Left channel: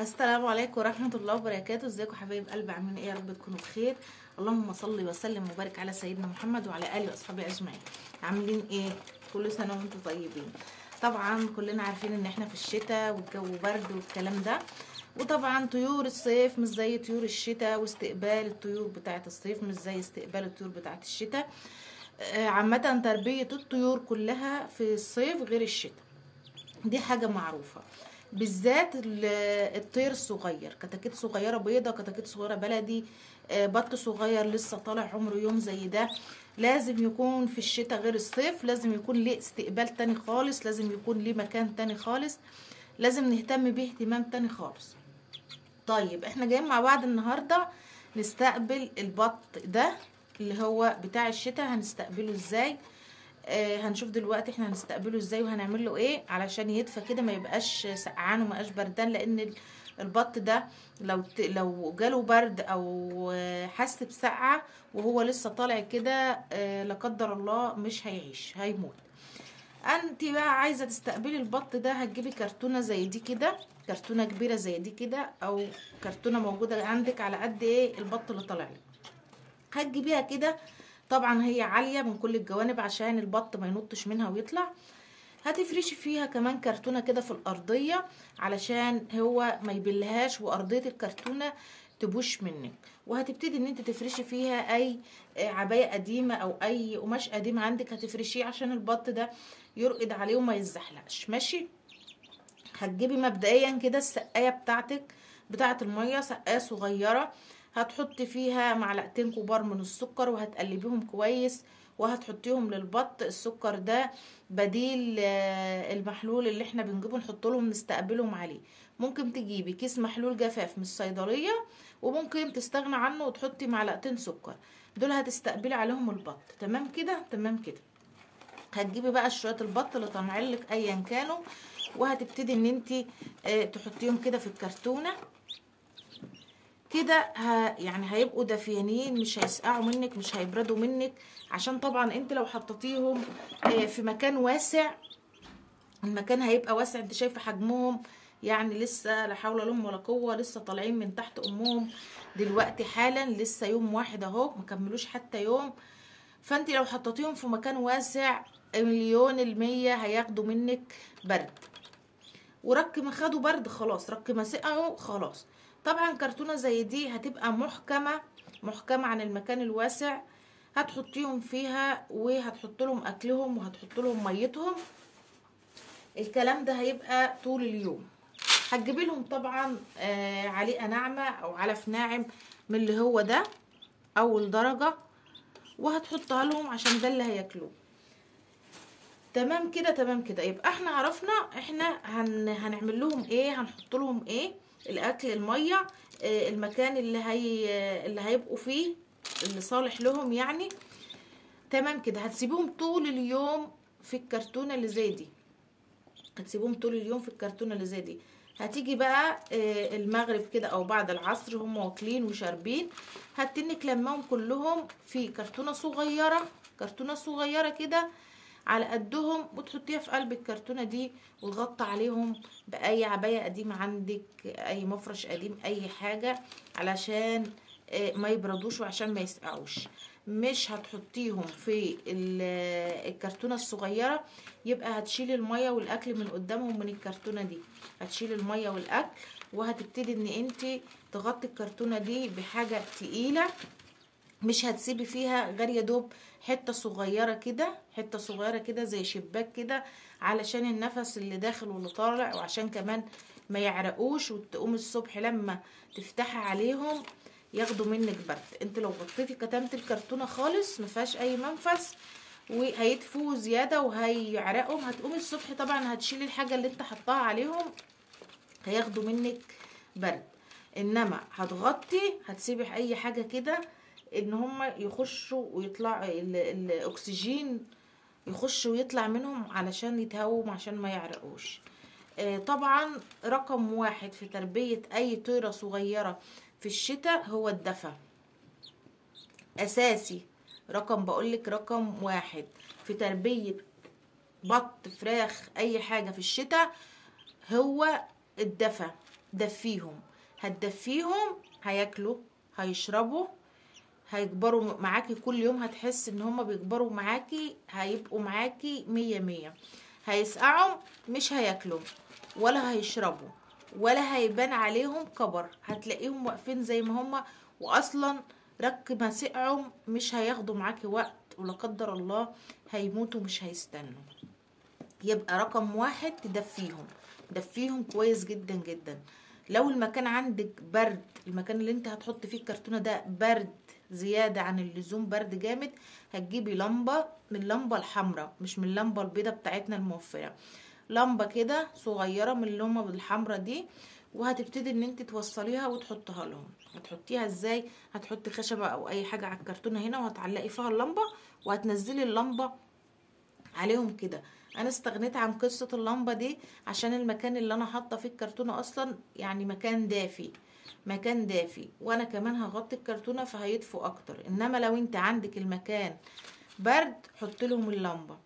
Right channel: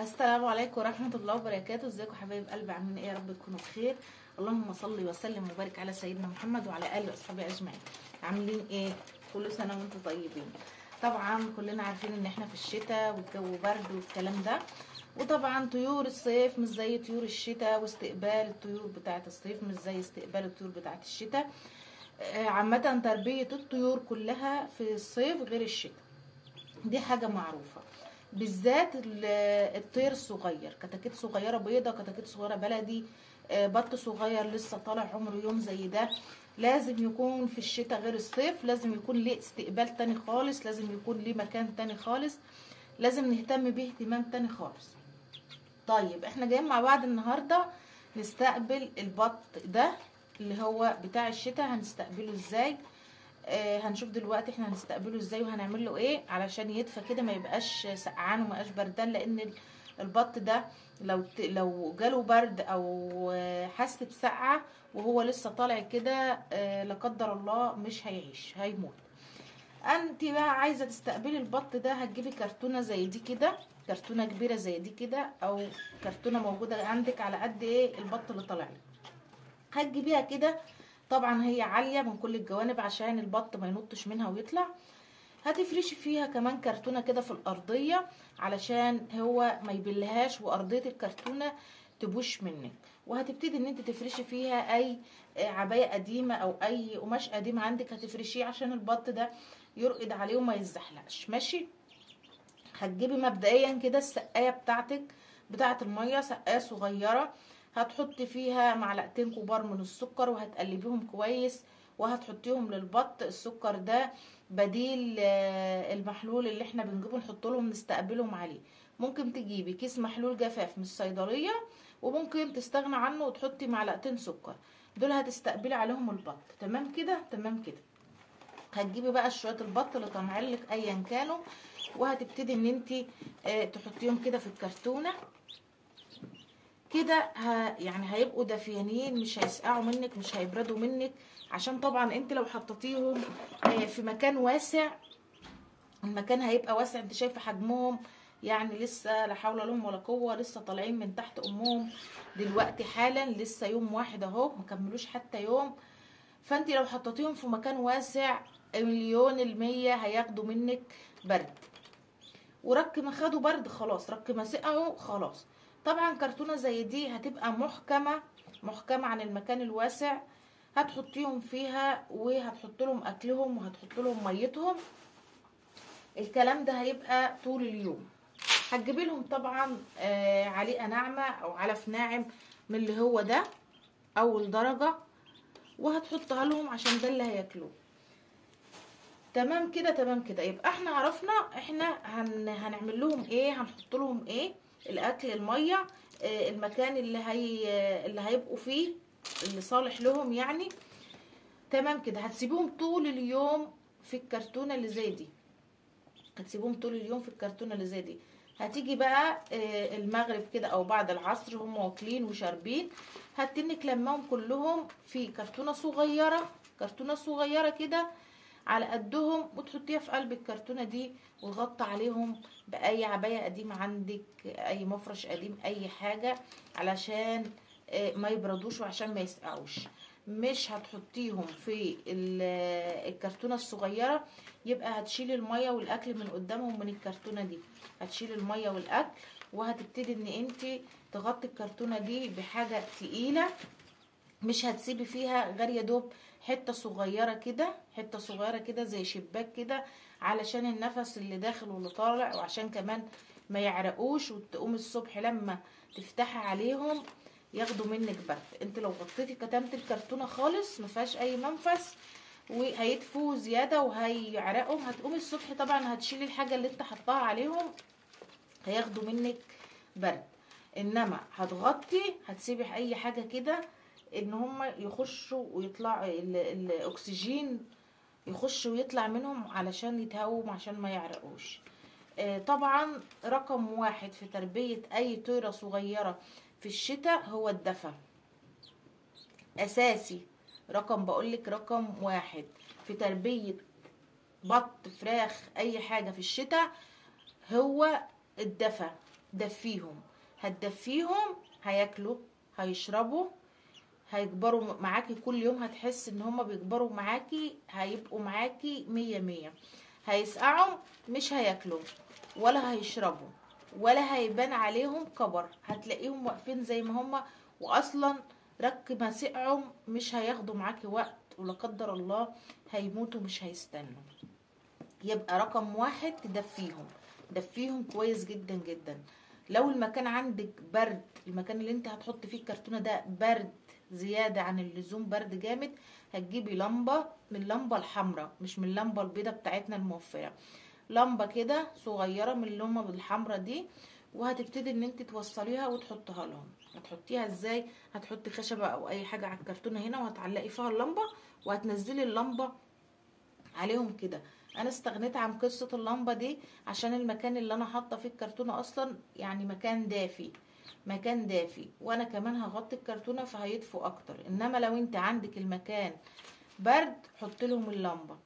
السلام عليكم ورحمة الله وبركاته. ازيكم حبايب قلبي؟ عاملين ايه؟ يا رب تكونوا بخير. اللهم صل وسلم وبارك على سيدنا محمد وعلى اله واصحابه اجمعين. عاملين ايه؟ كل سنة وانتم طيبين. طبعا كلنا عارفين ان احنا في الشتاء والجو برد والكلام ده، وطبعا طيور الصيف مش زي طيور الشتاء، واستقبال الطيور بتاعة الصيف مش زي استقبال الطيور بتاعة الشتاء. عامة تربية الطيور كلها في الصيف غير الشتاء، دي حاجة معروفة. بالذات الطير الصغير، كتاكيت صغيرة بيضة، كتاكيت صغيرة بلدي، بط صغير لسه طالع عمره يوم زي ده، لازم يكون في الشتاء غير الصيف، لازم يكون ليه استقبال تاني خالص، لازم يكون ليه مكان تاني خالص، لازم نهتم بيه اهتمام تاني خالص. طيب احنا جايين مع بعض النهاردة نستقبل البط ده اللي هو بتاع الشتاء. هنستقبله ازاي؟ هنشوف دلوقتي احنا هنستقبله ازاي وهنعمل له ايه علشان يدفى كده، ما يبقاش سقعان وما يبقاش بردان، لان البط ده لو جاله برد او حس بسقعه وهو لسه طالع كده لا قدر الله مش هيعيش، هيموت. انت بقى عايزه تستقبلي البط ده، هتجيبي كرتونه زي دي كده، كرتونه كبيره زي دي كده، او كرتونه موجوده عندك على قد ايه البط اللي طالع لك، هتجيبيها كده. طبعا هي عالية من كل الجوانب عشان البط ما ينطش منها ويطلع. هتفرشي فيها كمان كرتونة كده في الأرضية علشان هو ما يبلهاش وأرضية الكرتونة تبوش منك. وهتبتدي ان انت تفرشي فيها اي عباية قديمة او اي قماش قديم عندك، هتفرشيه عشان البط ده يرقد عليه وما يتزحلقش. ماشي. هتجيبي مبدئيا كده السقاية بتاعتك بتاعة المية، سقاية صغيرة، هتحطي فيها معلقتين كبار من السكر وهتقلبيهم كويس وهتحطيهم للبط. السكر ده بديل المحلول اللي احنا بنجيبه نحط لهم نستقبلهم عليه. ممكن تجيبي كيس محلول جفاف من الصيدلية وممكن تستغنى عنه وتحطي معلقتين سكر، دول هتستقبلي عليهم البط. تمام كده؟ تمام كده. هتجيبي بقى شوية البط اللي طالعين لك ايا كانوا، وهتبتدي ان انت تحطيهم كده في الكرتونة كده، يعني هيبقوا دافيانين، مش هيسقعوا منك، مش هيبردوا منك، عشان طبعا انت لو حطيتيهم في مكان واسع المكان هيبقى واسع. انت شايفه حجمهم يعني لسه لا حول لهم ولا قوه، لسه طالعين من تحت امهم دلوقتي حالا، لسه يوم واحد اهو، مكملوش حتى يوم. فانت لو حطيتيهم في مكان واسع 100% هياخدوا منك برد، ورك ما خدوا برد خلاص، رك ما سقعوا خلاص. طبعا كرتونه زي دي هتبقى محكمه عن المكان الواسع، هتحطيهم فيها وهتحط لهم اكلهم وهتحط لهم ميتهم. الكلام ده هيبقى طول اليوم. هتجيبي لهم طبعا عليقه ناعمه او علف ناعم من اللي هو ده اول درجه، وهتحطها لهم عشان ده اللي هياكلوه. تمام كده؟ تمام كده. يبقى احنا عرفنا احنا هنعمل لهم ايه، هنحط لهم ايه، الاكل، الميه، المكان اللي هيبقوا فيه اللي صالح لهم يعني. تمام كده. هتسيبوهم طول اليوم في الكرتونه اللي زي دي، هتسيبوهم طول اليوم في الكرتونه اللي زي دي. هتيجي بقى المغرب كده او بعد العصر هم واكلين وشاربين، هتنك لماهم كلهم في كرتونه صغيره، كرتونه صغيره كده على قدهم، وتحطيها في قلب الكرتونه دي وتغطي عليهم باي عبايه قديمه عندك، اي مفرش قديم، اي حاجه، علشان ما يبردوش وعشان ما يسقعوش. مش هتحطيهم في الكرتونه الصغيره، يبقى هتشيل الميه والاكل من قدامهم من الكرتونه دي، هتشيل الميه والاكل وهتبتدي ان انت تغطي الكرتونه دي بحاجه تقيله، مش هتسيبي فيها غير يا دوب حته صغيره كده، حته صغيره كده زي شباك كده، علشان النفس اللي داخل واللي طالع، وعشان كمان ما يعرقوش وتقوم الصبح لما تفتحي عليهم ياخدوا منك برد. انت لو غطيتي كتمت الكرتونه خالص ما فيهاش اي منفس وهيدفوا زياده وهيعرقهم، هتقومي الصبح طبعا هتشيلي الحاجه اللي انت حطاها عليهم هياخدوا منك برد. انما هتغطي، هتسيبي اي حاجه كده ان هم يخشوا ويطلع الاكسجين يخش ويطلع منهم علشان يتهووا عشان ما يعرقوش. طبعا رقم واحد في تربية اي طيرة صغيرة في الشتاء هو الدفا، اساسي. بقولك رقم واحد في تربية بط، فراخ، اي حاجة في الشتاء هو الدفا. دفيهم، هتدفيهم هياكلوا، هيشربوا، هيكبروا معاكي كل يوم، هتحس ان هما بيكبروا معاكي، هيبقوا معاكي 100. هيسقعوا مش هياكلوا ولا هيشربوا ولا هيبان عليهم كبر، هتلاقيهم واقفين زي ما هما. واصلا رك ما سقعوا مش هياخدوا معاكي وقت، ولا قدر الله هيموتوا مش هيستنوا. يبقى رقم 1 تدفيهم، دفيهم كويس جدا جدا. لو المكان عندك برد، المكان اللي انت هتحط فيه الكرتونة ده برد زيادة عن اللزوم، برد جامد، هتجيبي لمبة من اللمبة الحمراء، مش من اللمبة البيضة بتاعتنا الموفرة، لمبة كده صغيرة من اللمبة الحمراء دي، وهتبتدي ان انت توصليها وتحطها لهم. هتحطيها ازاي؟ هتحطي خشبة او اي حاجة على الكرتونة هنا، وهتعلقي فيها اللمبة، وهتنزلي اللمبة عليهم كده. انا استغنيت عن قصة اللمبة دي عشان المكان اللي انا حاطة فيه الكرتونة اصلا يعني مكان دافي، مكان دافي، وانا كمان هغطي الكرتونة فهيدفوا اكتر. انما لو انت عندك المكان برد حط لهم اللمبة،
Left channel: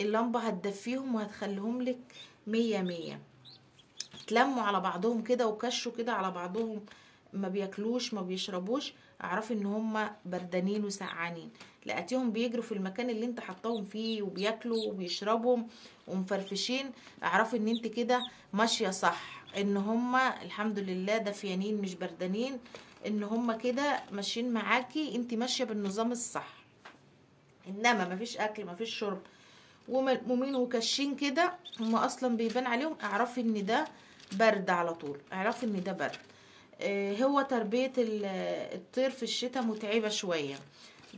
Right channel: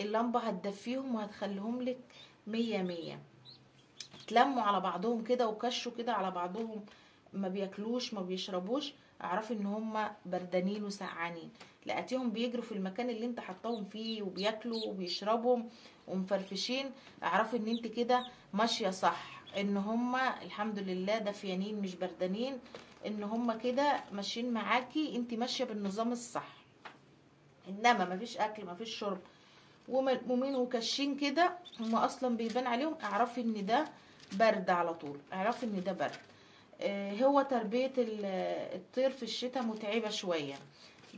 اللمبة هتدفيهم وهتخليهم لك 100. اتلموا على بعضهم كده وكشوا كده على بعضهم، ما بياكلوش ما بيشربوش، اعرفي ان هم بردانين وسعانين. لقيتيهم بيجروا في المكان اللي انت حطاهم فيه وبياكلوا وبيشربوا ومفرفشين، اعرفي ان انت كده ماشيه صح، ان هم الحمد لله دافيانين مش بردانين، ان هم كده ماشيين معاكي، انت ماشيه بالنظام الصح. انما مفيش اكل مفيش شرب ومين وكشين كده، هم اصلا بيبان عليهم، اعرفي ان ده برد على طول، اعرفي ان ده برد. هو تربية الطير في الشتاء متعبة شوية،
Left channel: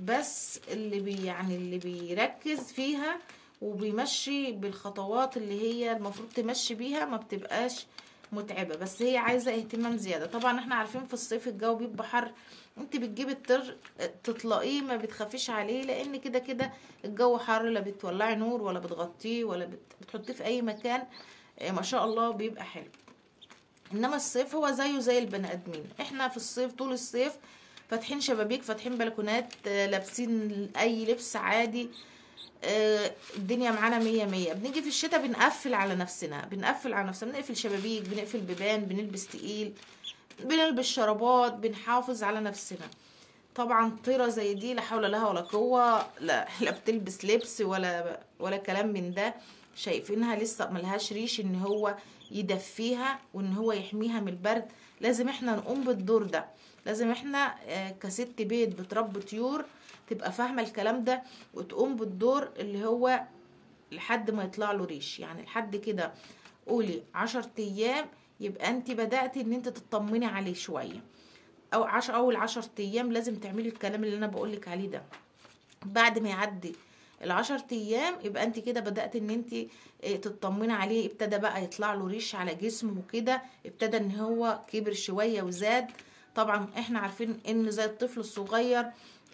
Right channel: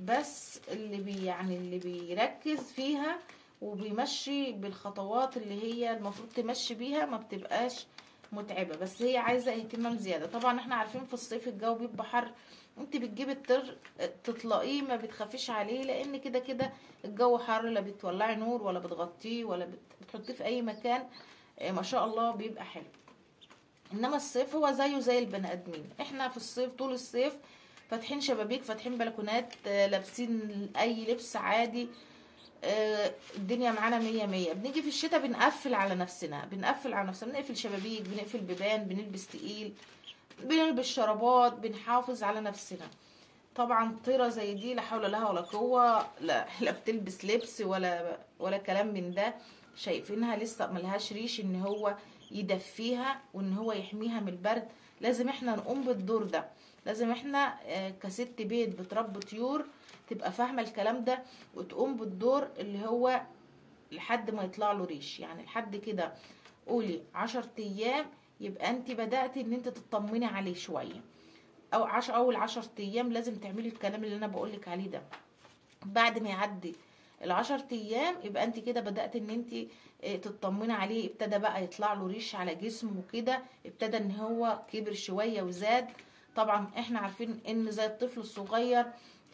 بس اللي بيركز فيها وبيمشي بالخطوات اللي هي المفروض تمشي بيها ما بتبقاش متعبة، بس هي عايزة اهتمام زيادة. طبعا احنا عارفين في الصيف الجو بيبقى حر، انت بتجيبي الطير تطلقيه ما بتخافيش عليه، لان كده كده الجو حر، لا بتولعي نور ولا بتغطيه ولا بتحطيه في اي مكان، ما شاء الله بيبقى حلو. انما الصيف هو زيه زي البني ادمين، احنا في الصيف طول الصيف فاتحين شبابيك فاتحين بلكونات، لابسين اي لبس عادي، الدنيا معانا 100. بنيجي في الشتاء بنقفل على نفسنا، بنقفل شبابيك، بنقفل بيبان، بنلبس تقيل، بنلبس شرابات، بنحافظ على نفسنا. طبعا طيرة زي دي لا حول لها ولا قوة، لا بتلبس لبس ولا كلام من ده، شايفينها لسه ملهاش ريش ان هو يدفيها وان هو يحميها من البرد. لازم احنا نقوم بالدور ده، لازم احنا كست بيت بتربي طيور تبقى فاهمة الكلام ده، وتقوم بالدور اللي هو لحد ما يطلع له ريش. يعني لحد كده قولي 10 ايام يبقى انت بدأتي ان انت تطمني عليه شوية، او اول 10 ايام لازم تعملي الكلام اللي انا بقولك عليه ده. بعد ما يعدي ال10 ايام يبقى انت كده بدأت ان انت تطمني عليه، ابتدى بقى يطلع له ريش على جسمه وكده، ابتدى ان هو كبر شوية وزاد. طبعا احنا عارفين ان زي الطفل الصغير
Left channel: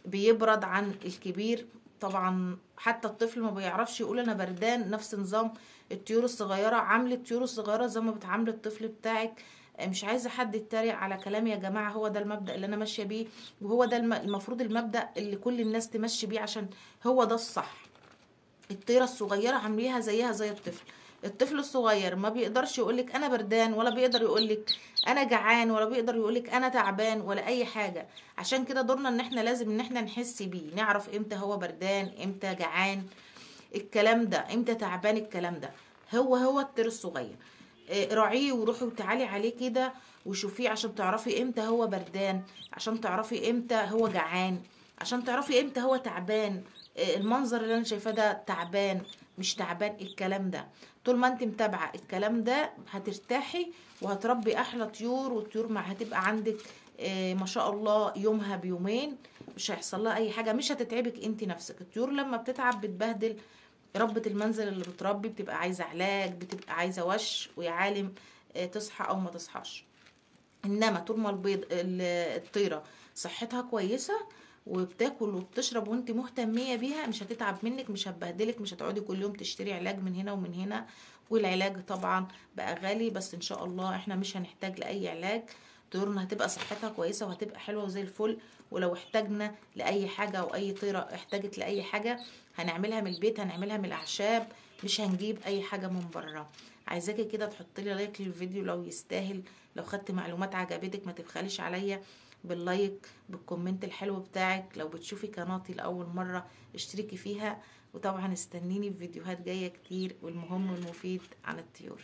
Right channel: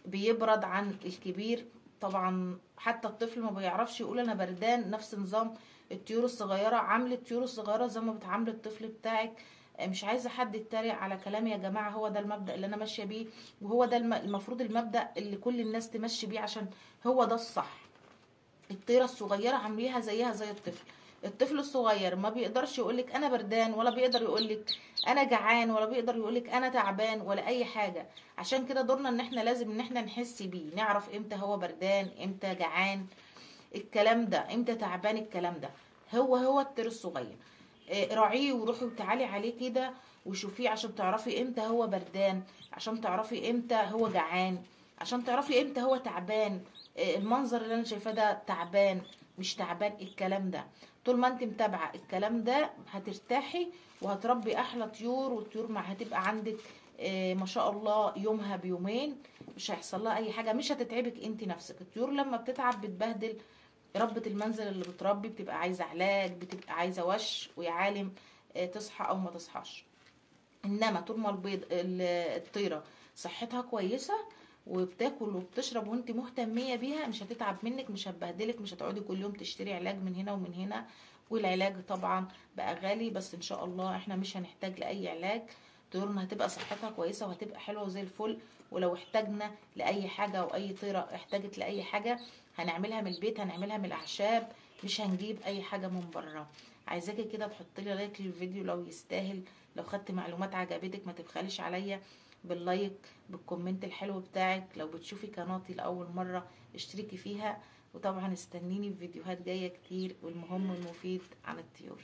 بيبرد عن الكبير، طبعا حتى الطفل ما بيعرفش يقول انا بردان، نفس نظام الطيور الصغيرة. عامل الطيور الصغيرة زي ما بتعامل الطفل بتاعك. مش عايزة حد يتريق على كلامي يا جماعة، هو ده المبدأ اللي انا ماشية بيه، وهو ده المفروض المبدأ اللي كل الناس تمشي بيه، عشان هو ده الصح. الطيرة الصغيرة عامليها زيها زي الطفل. الطفل الصغير ما بيقدرش يقولك انا بردان، ولا بيقدر يقولك انا جعان، ولا بيقدر يقولك انا تعبان، ولا اي حاجة. عشان كده دورنا ان احنا لازم ان احنا نحس بيه، نعرف امتى هو بردان، امتى جعان، الكلام ده، امتى تعبان، الكلام ده. هو الطير الصغير راعيه وروحي وتعالي عليه كده وشوفيه، عشان تعرفي امتى هو بردان، عشان تعرفي امتى هو جعان، عشان تعرفي امتى هو تعبان. المنظر اللي انا شايفاه ده تعبان مش تعبان، الكلام ده طول ما انت متابعه الكلام ده هترتاحي وهتربي احلى طيور، والطيور هتبقى عندك ما شاء الله يومها بيومين، مش هيحصل لها اي حاجه، مش هتتعبك انت نفسك. الطيور لما بتتعب بتبهدل ربة المنزل اللي بتربي، بتبقى عايزه علاج، بتبقى عايزه وش ويا عالم تصحى او ما تصحاش. انما طول ما الطيره صحتها كويسه وبتاكل وبتشرب وانت مهتميه بيها، مش هتتعب منك، مش هتبهدلك، مش هتقعدي كل يوم تشتري علاج من هنا ومن هنا. والعلاج طبعا بقى غالي، بس ان شاء الله احنا مش هنحتاج لاي علاج، طيورنا هتبقى صحتها كويسه وهتبقى حلوه وزي الفل. ولو احتاجنا لاي حاجه او اي طيره احتاجت لاي حاجه هنعملها من البيت، هنعملها من الاعشاب، مش هنجيب اي حاجه من بره. عايزاكي كده تحطي لي لايك للفيديو لو يستاهل، لو خدت معلومات عجبتك ما تبخليش عليا باللايك بالكومنت الحلو بتاعك. لو بتشوفي قناتي لاول مره اشتركي فيها، وطبعا استنيني في فيديوهات جايه كتير والمهم والمفيد عن الطيور.